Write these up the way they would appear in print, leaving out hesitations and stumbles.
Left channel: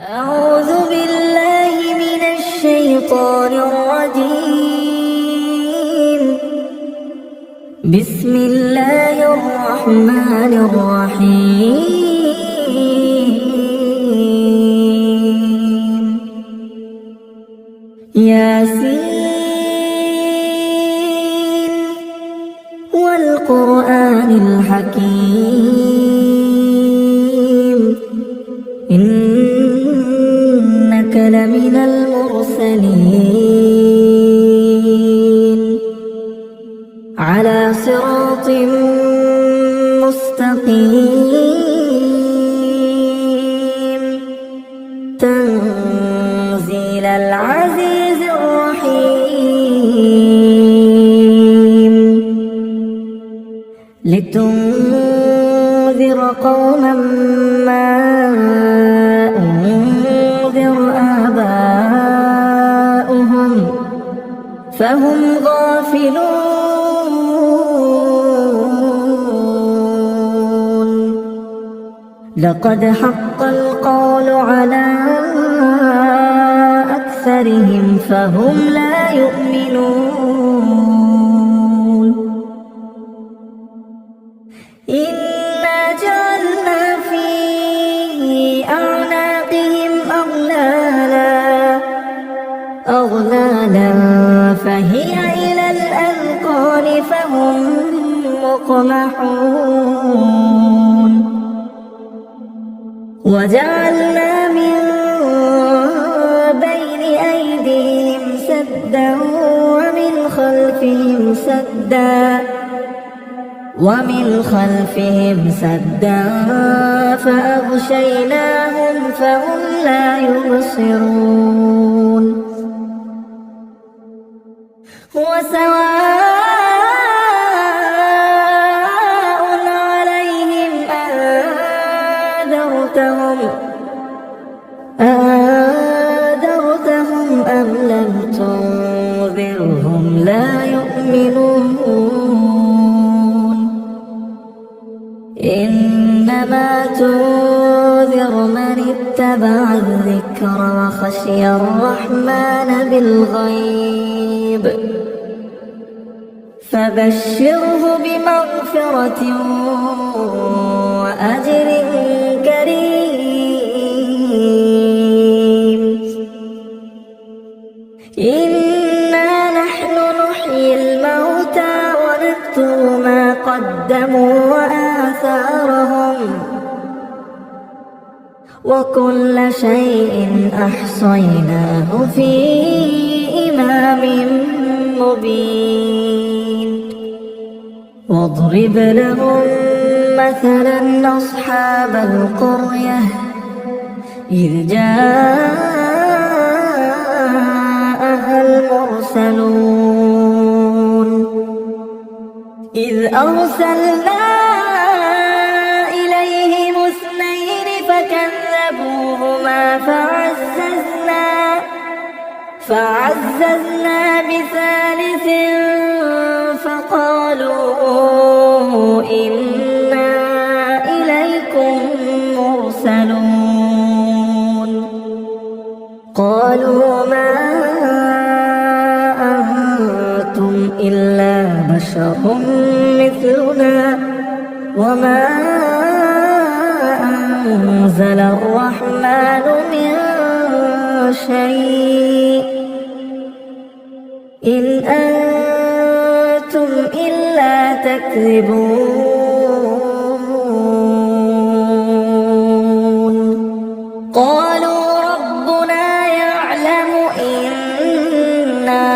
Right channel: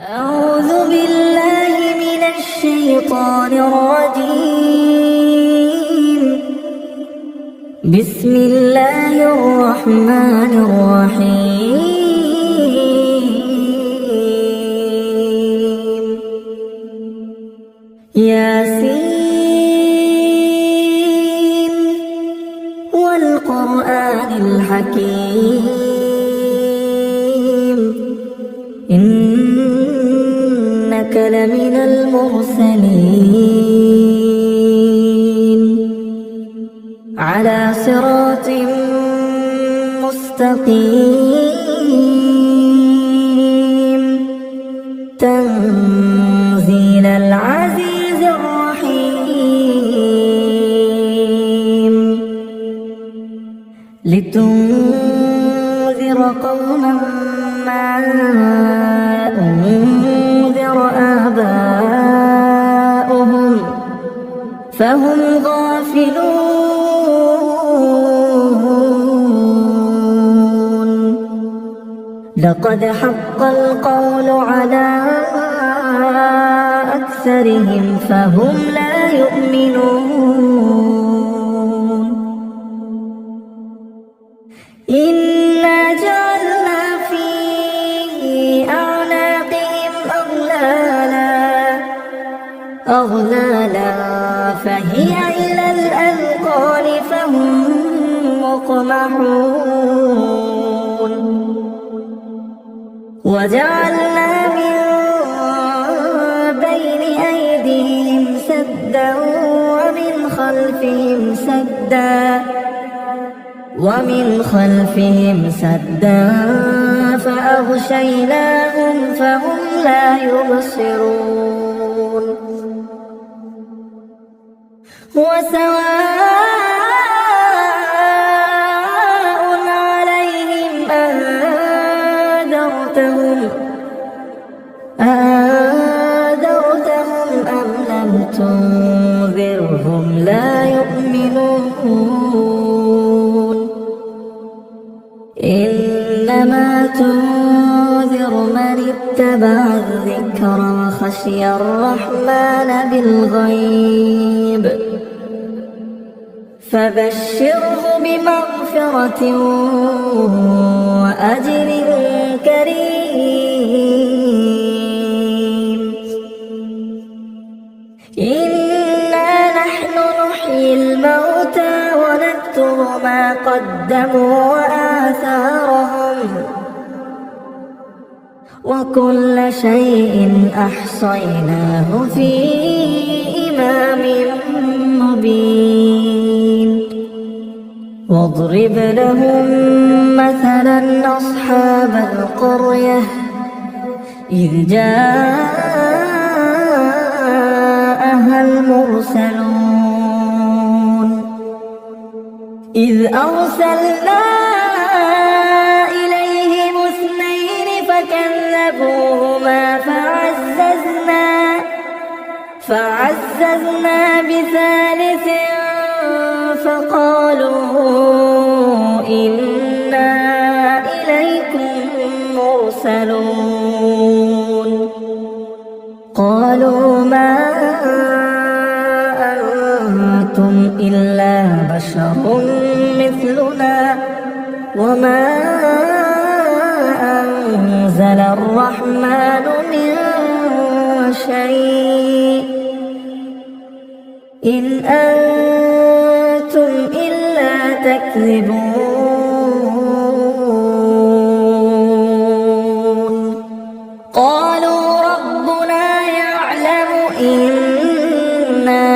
أعوذ بالله من الشيطان الرجيم. بسم الله الرحمن الرحيم. ياسين والقرآن الحكيم، إنك لمن المرسلين على صراط مستقيم، تنزيل العزيز الرحيم، لتنذر قوما ما أنذر آباؤهم فهم غافلون. لقد حق القول على أكثرهم فهم لا يؤمنون. إنا جعلنا في أعناقهم أغلالا فهي إلى الأذقان فهم مقمحون. وجعلنا من بين أيديهم سدا ومن خلفهم سدا فأغشيناهم فهم لا يبصرون. وسواء عليهم أنذرتهم أم لم تنذرهم لا يؤمنون. إنما تنذر من اتبع الذكر وخشي الرحمن بالغيب، فبشره بمغفرة وأجر كريم. إنا نحن نحيي الموتى ونكتب ما قدموا وآثارهم، وكل شيء أحصيناه في إمام مبين. واضرب لهم مثلا أصحاب القرية إذ جاءها المرسلون إذ أرسلنا إليهم اثنين فكذبوهما فعززنا بثالث فقالوا إنا إليكم مرسلون. قالوا ما أنتم إلا بشر مثلنا وما أنزل الرحمن من شيء إن أنتم إلا تكذبون. قالوا ربنا يعلم إنا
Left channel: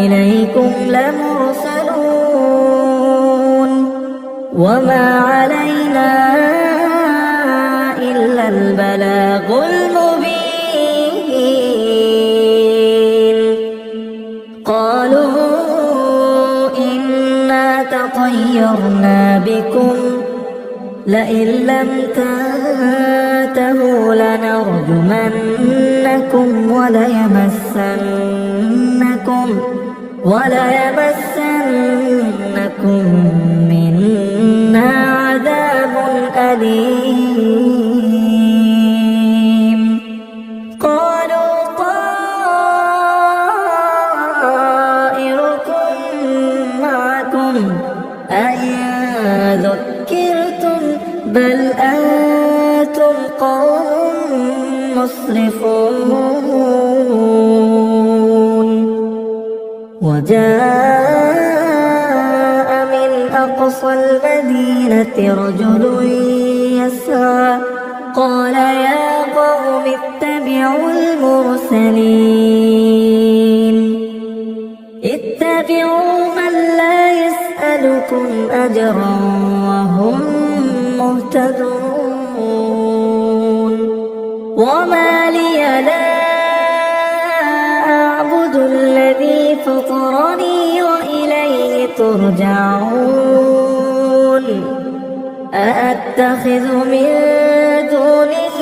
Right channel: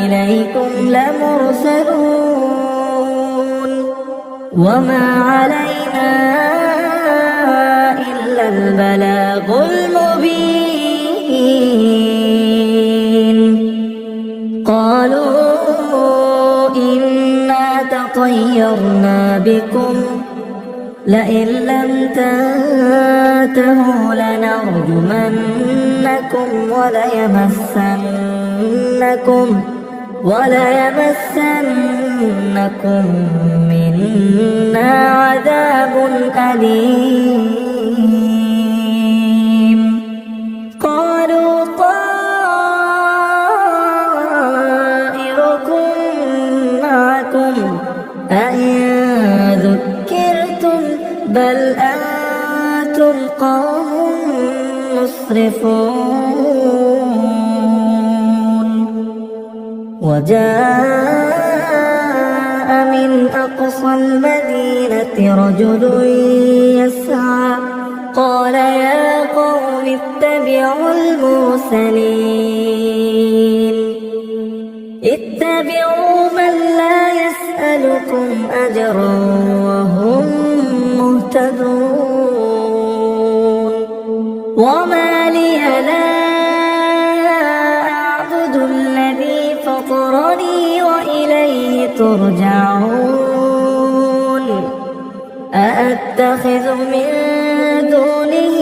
إليكم لمرسلون وما علينا إلا البلاغ المبين. قالوا إنا تطيرنا بكم لئن لم تنتهوا لنرجمنكم وليمسنكم منا عذاب أليم. مسرفون وجاء من أقصى المدينة رجل يسعى قال يا قوم اتبعوا المرسلين اتبعوا من لا يسألكم أجرا وهم مهتدون وما لي لا أعبد الذي فطرني وإليه ترجعون أأتخذ من دونه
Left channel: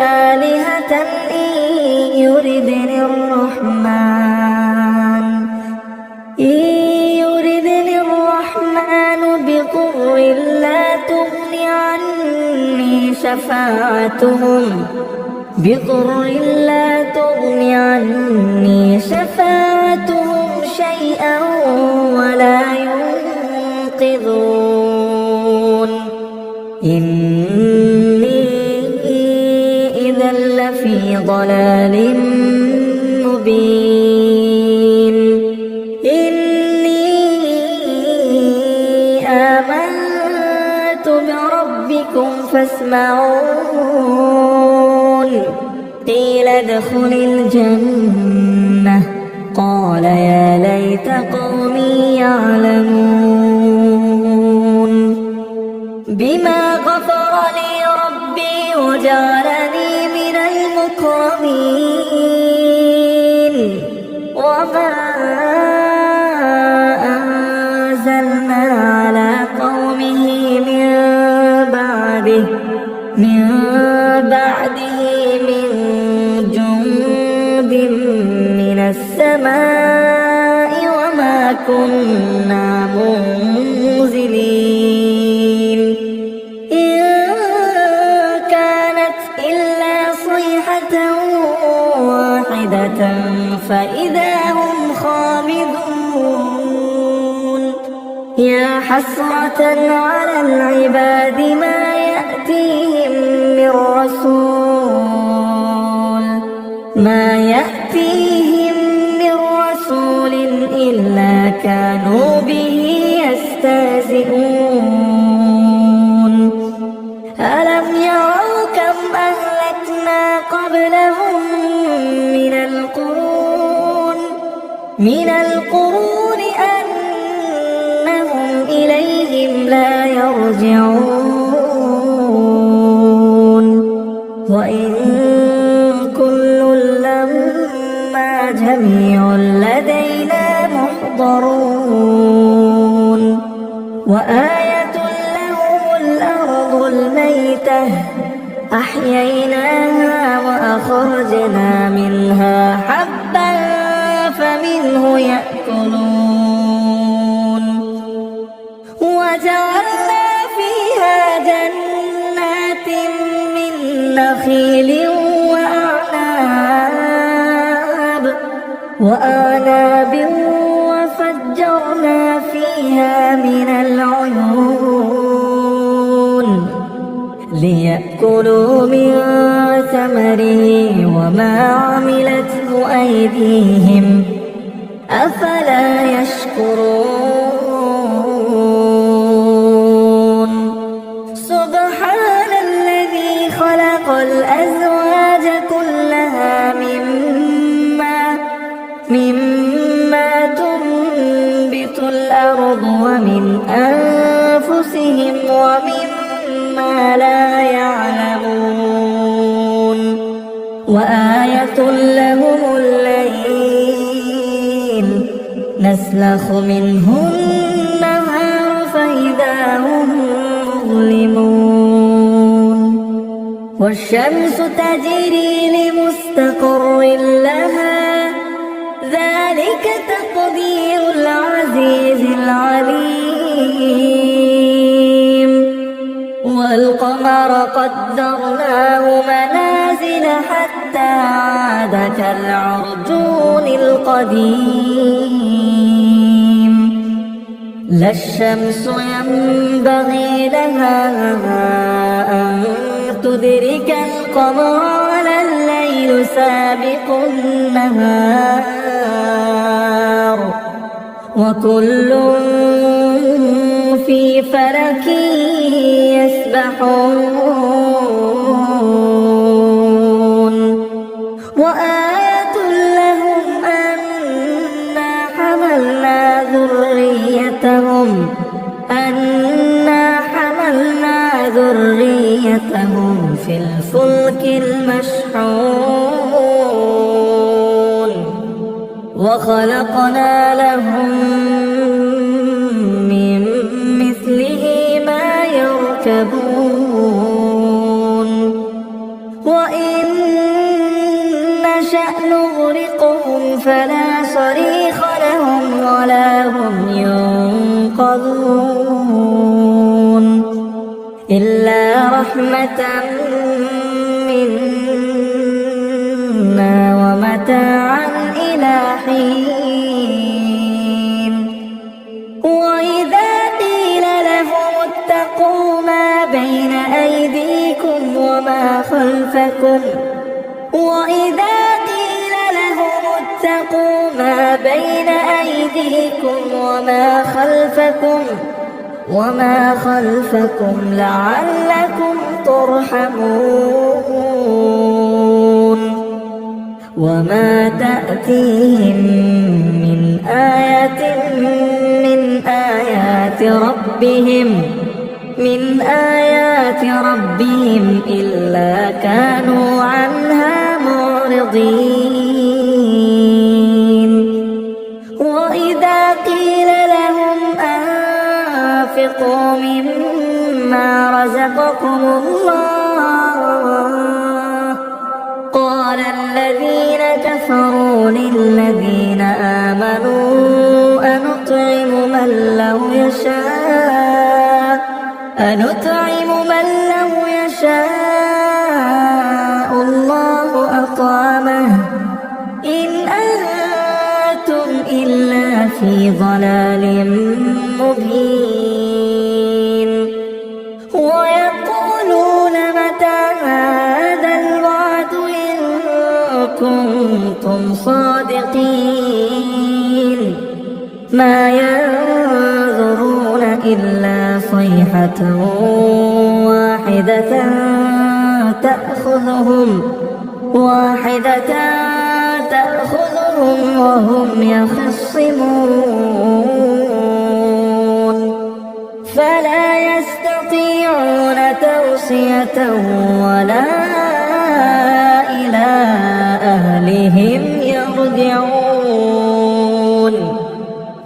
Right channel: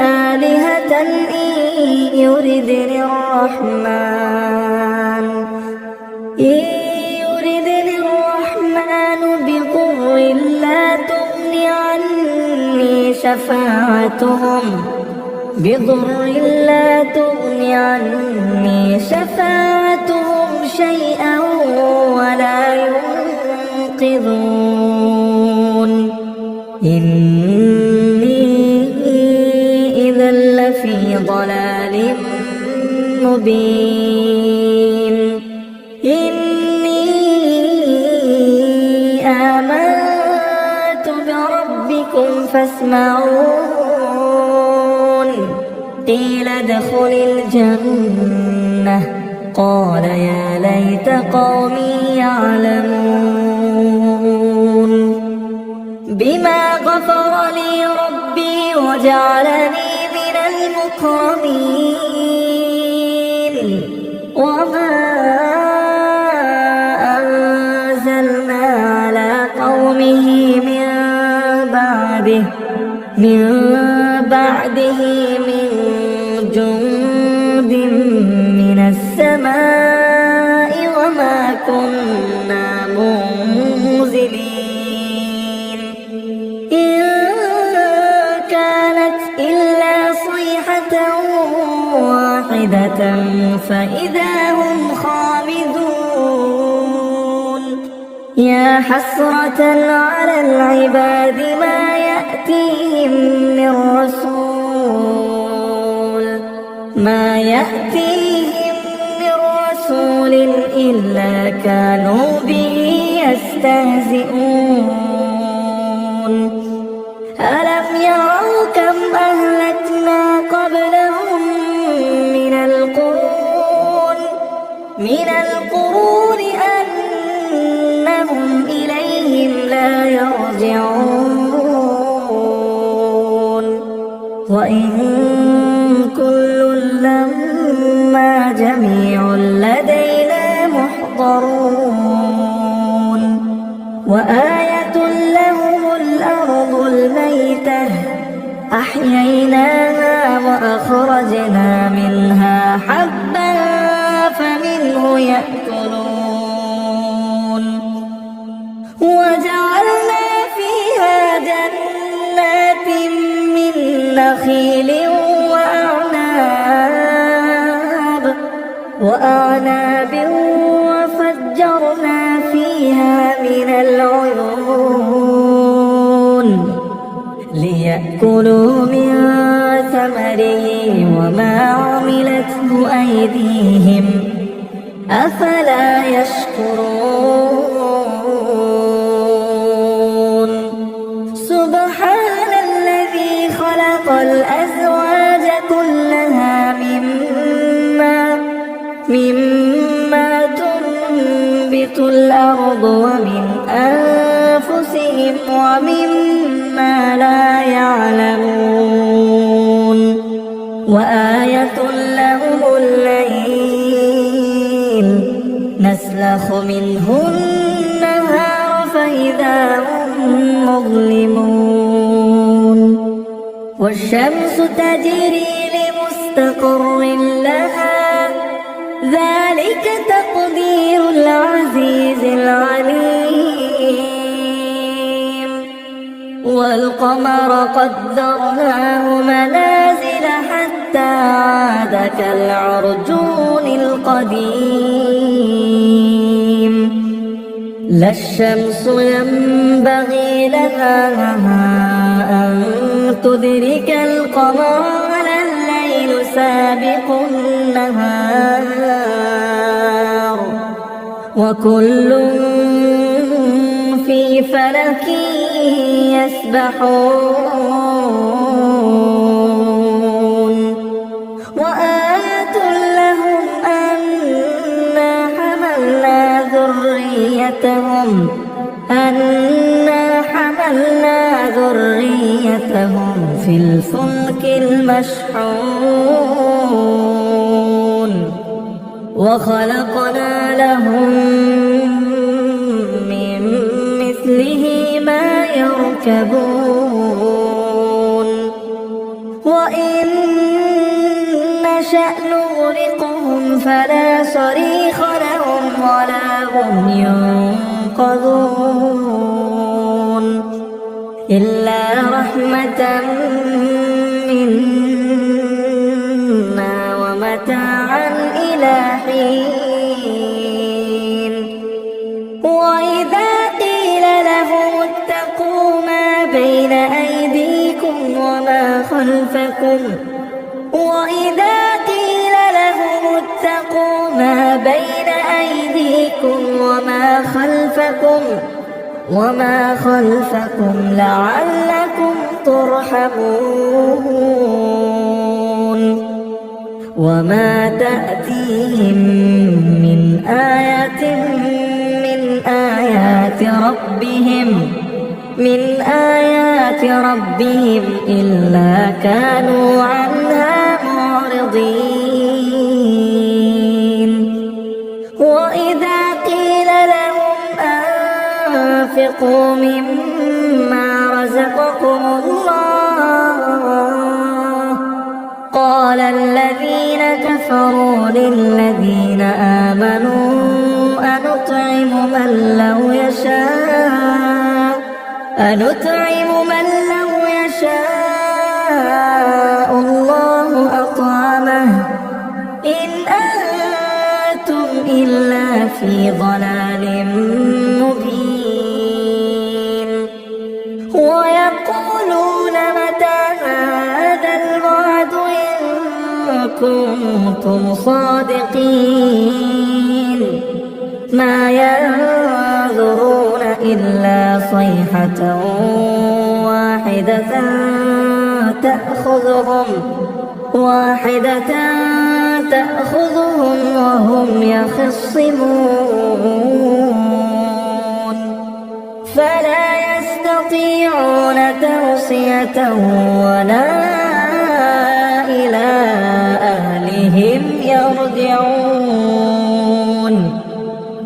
آلهة إن يردني الرحمن بضر لا تغن عني شفاعتهم شيئا ولا ينقذون إني إذا لفي ضلال مبين إني آمنت بربكم فاسمعون قيل ادخل الجنة قال يا ليت قومي يعلمون بما غفر لي ربي وجعلني من المكرمين وما أنزلنا على قومه من بعده من جند من السماء وما كنا منزلين إن كانت إلا صيحة واحدة فإذا هم خامدون يا حسرة على العباد ما يأتيهم من رسول إلا كانوا به يستهزئون ألم يروا كم أهلكنا قبلهم من القرون أنهم إليهم لا يرجعون وإن كل لما جميع لدينا محضرون وآية لهم الأرض الميتة أحييناها وأخرجنا منها حبا فمنه يأكلون وجعلنا فيها جنات من نخيل وأعناب وفجرنا فيها من العيون ليأكلوا من ثمره وما عملته أيديهم أفلا يشكرون سبحان الذي خلق الأزواج كلها مما تنبت الأرض ومن أنفسهم ومما لا يعلمون وآية لهم الليل نسلخ منه النهار فإذا هم مظلمون والشمس تجري لمستقر لها ذلك تقدير العزيز العليم والقمر قدرناه منازل حتى عاد كالعرجون القديم لا الشمس ينبغي لها أن تدرك القمر ولا سابقوا النهار وكل في فلك يسبحون وآية لهم أنا حملنا ذريتهم في الفلك المشحون وخلقنا لهم من مثله ما يركبون وإن نشأ نغرقهم فلا صريخ لهم ولا هم ينقذون إلا رحمة منا ومتاعا إلى حين وإذا قيل لهم اتقوا ما بين أيديكم وما خلفكم وما خلفكم لعلكم ترحمون وما تأتيهم من آية من آيات ربهم إلا كانوا عنها معرضين وإذا قيل لهم أنفقوا مما رزقكم الله قال الذين كفروا للذين آمنوا أنطعم من لو يشاء الله أطعمه إن أنتم إلا في ضلال مبين ويقولون متى هذا الوعد إن كنتم صادقين ما ينظرون إلا صيحة واحدة تأخذهم وهم يخصمون فلا يستطيعون توصية ولا إلى أهلهم يرجعون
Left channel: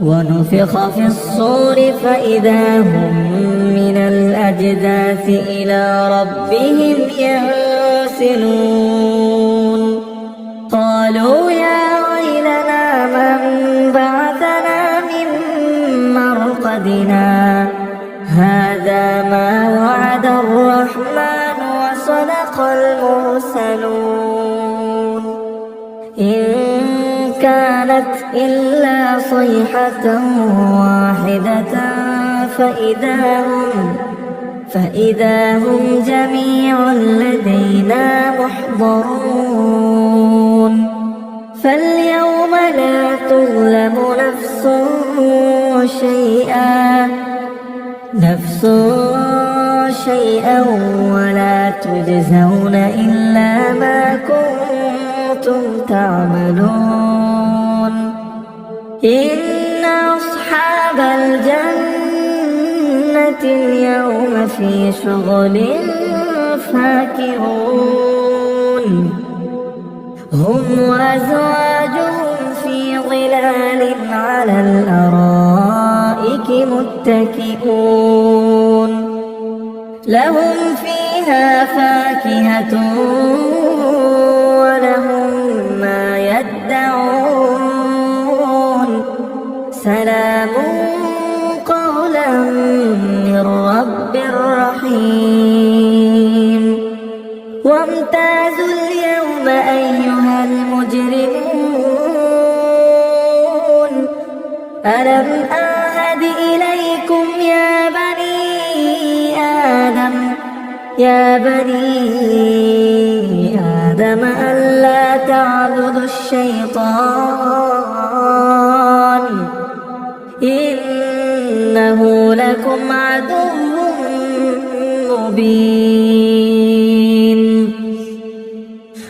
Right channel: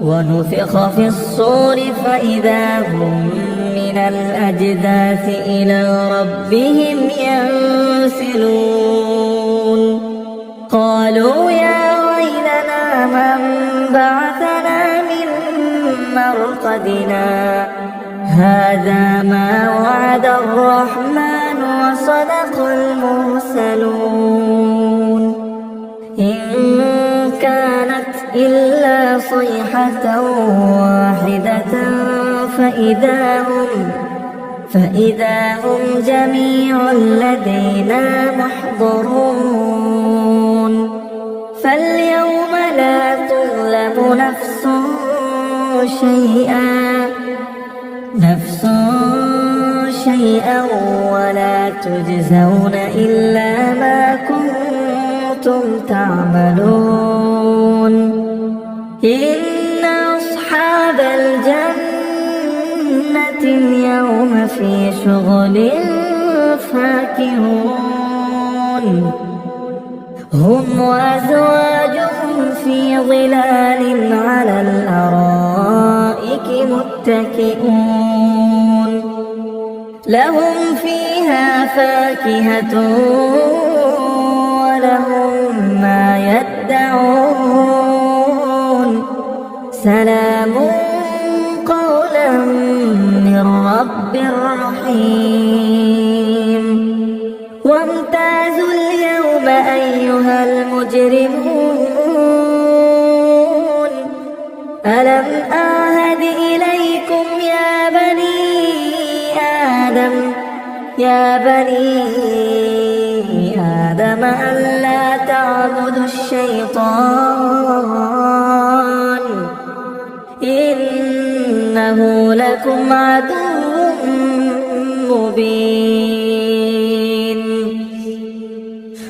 ونفخ في الصور فإذا هم من الأجداث إلى ربهم ينسلون قالوا يا ويلنا من بعثنا من مرقدنا هذا ما وعد الرحمن وصدق المرسلون إن كانت إلا صيحة واحدة فإذا هم جميع لدينا محضرون فاليوم لا تظلم نفس شيئا ولا تجزون إلا ما كنتم تعملون إن أصحاب الجنة اليوم في شغل فاكهون هم وأزواجهم في ظلال على الأرائك متكئون لهم فيها فاكهة ولهم ما يدعون سلام قولا من رب رحيم وامتازوا اليوم أيها المجرمون ألم أعهد إليكم يا بني آدم أن لا الشيطان إنه لكم عدو مبين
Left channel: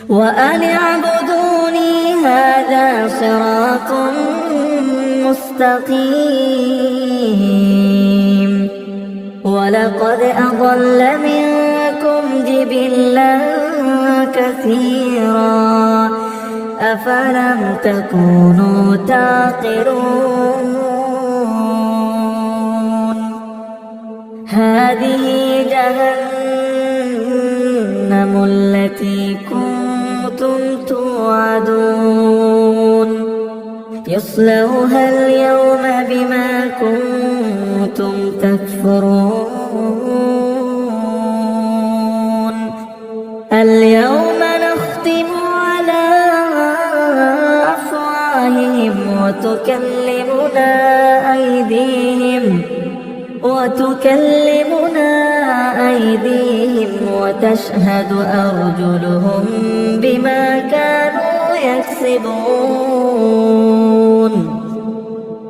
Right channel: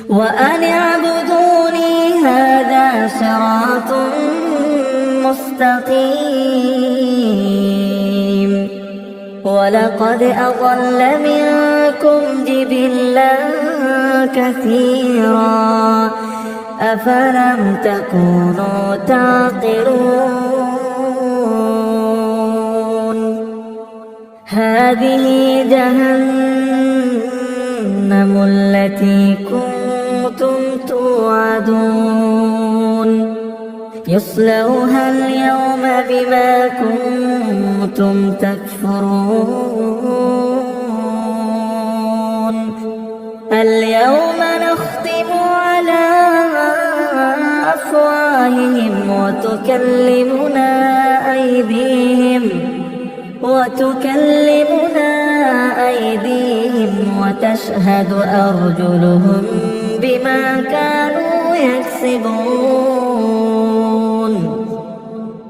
وأن اعبدوني هذا صراط مستقيم ولقد أضل منكم جبلا كثيرا أفلم تكونوا تعقلون هذه جهنم التي كنتم توعدون يصلوها اليوم بما كنتم تكفرون اليوم نختم على أفواههم وتكلمنا أيديهم وتشهد أرجلهم بما كانوا يكسبون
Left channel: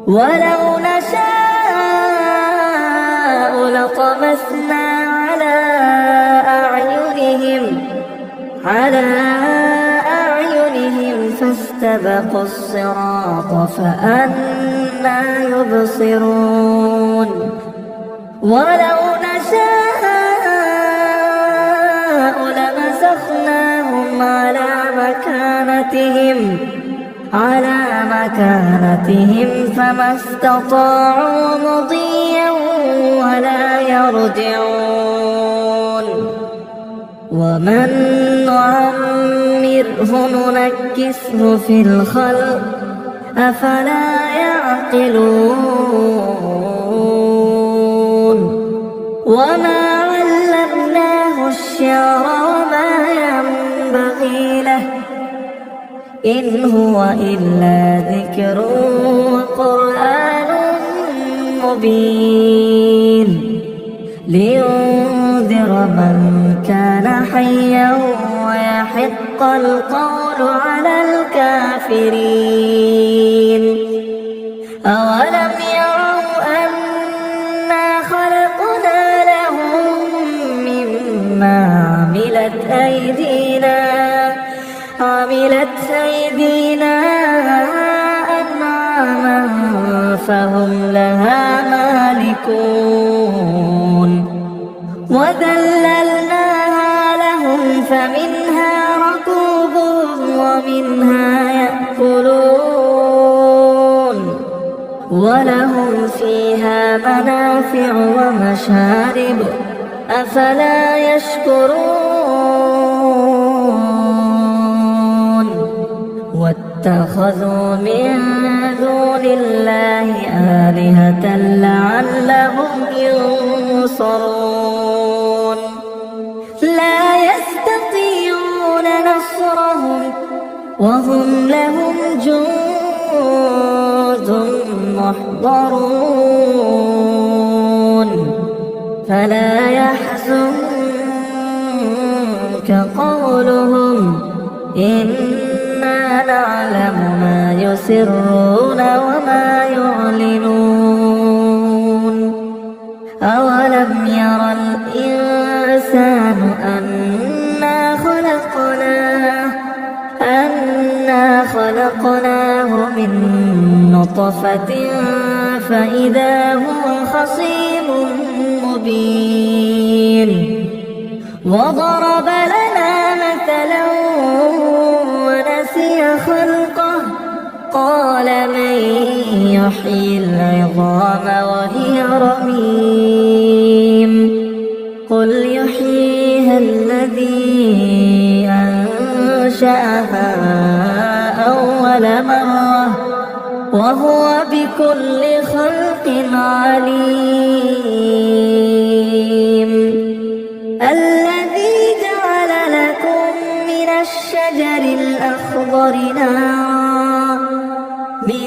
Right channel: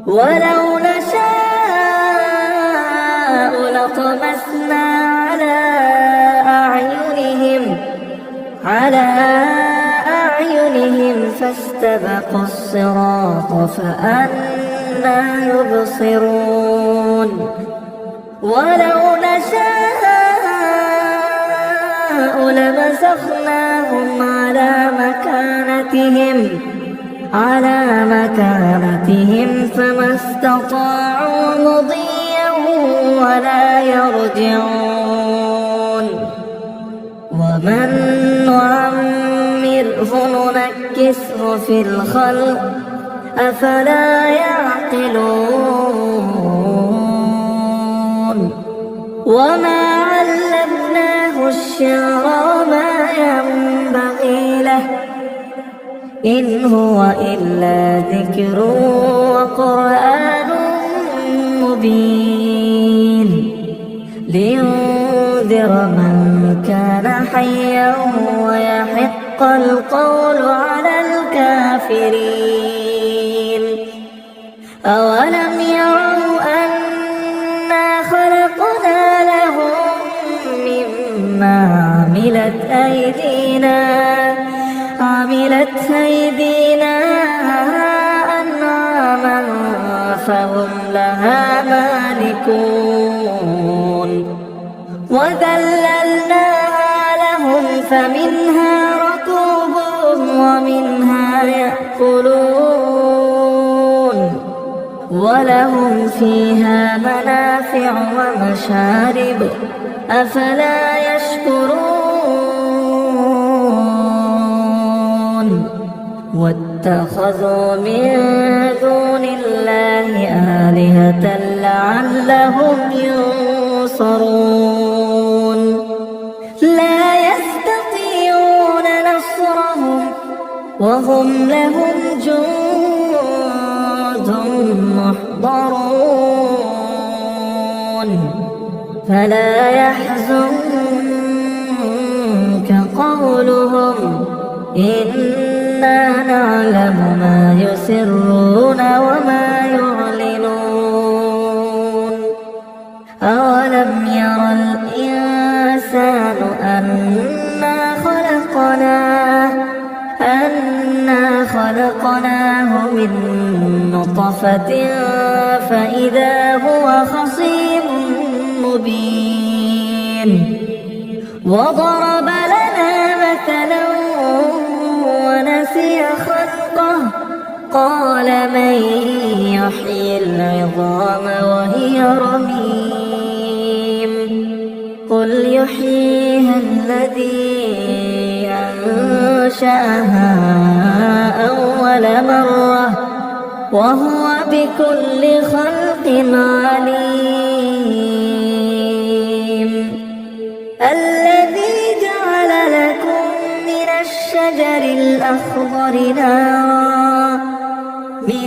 ولو نشاء لطمسنا على أعينهم فاستبقوا الصراط فأنى يبصرون ولو نشاء لمسخناهم على مكانتهم فما استطاعوا مضيا ولا يرجعون ومن نعمره ننكسه في الخلق أفلا يعقلون وما علمناه الشعر وما ينبغي له إن هو إلا ذكر وقرآن مبين لينذر من كان حيا ويحق القول على الكافرين أولم يروا أنا خلقنا لهم مما عملت أيدينا أنعاما فهم لها مالكون وذللناها لهم فمنها ركوبهم ومنها يأكلون ولهم فيها منافع ومشارب أفلا يشكرون واتخذوا من دون الله آلهة لعلهم ينصرون لا يستطيعون نصرهم وهم لهم جند محضرون فلا يحزنك قولهم إنا نعلم ما يسرون وما يعلنون أولم ير الإنسان أنا خلقناه من نطفة فإذا هو خصيم مبين وضرب لنا مثلا ونسي خلقه قال من يحيي العظام وهي رميم قل يحييها الذي أنشأها أول مرة وهو بكل خلق عليم الذي جعل لكم من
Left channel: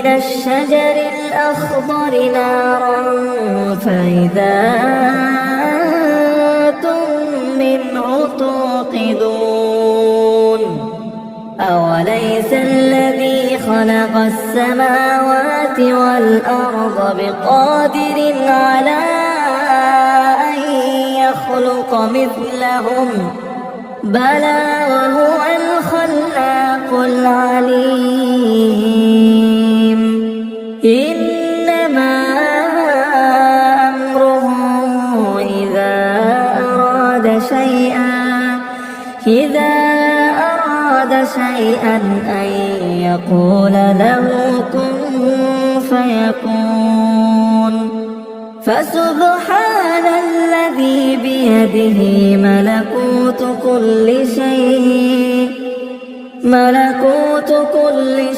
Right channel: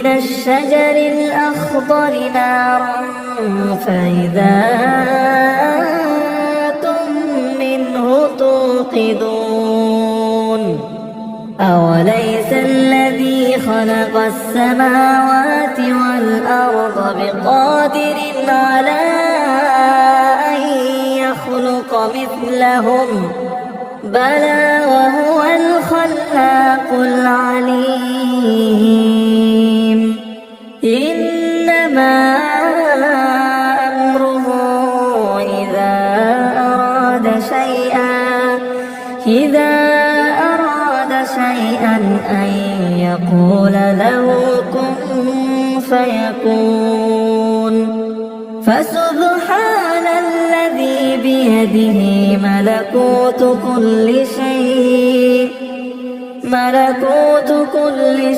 الشجر الأخضر نارا فإذا أنتم منه توقدون أوليس الذي خلق السماوات والأرض بقادر على أن يخلق مثلهم بلى وهو الخلاق العليم إنما أمره إذا أراد شيئا أن يقول له كن فيكون فسبحان الذي بيده ملكوت كل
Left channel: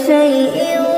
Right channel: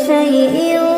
شيء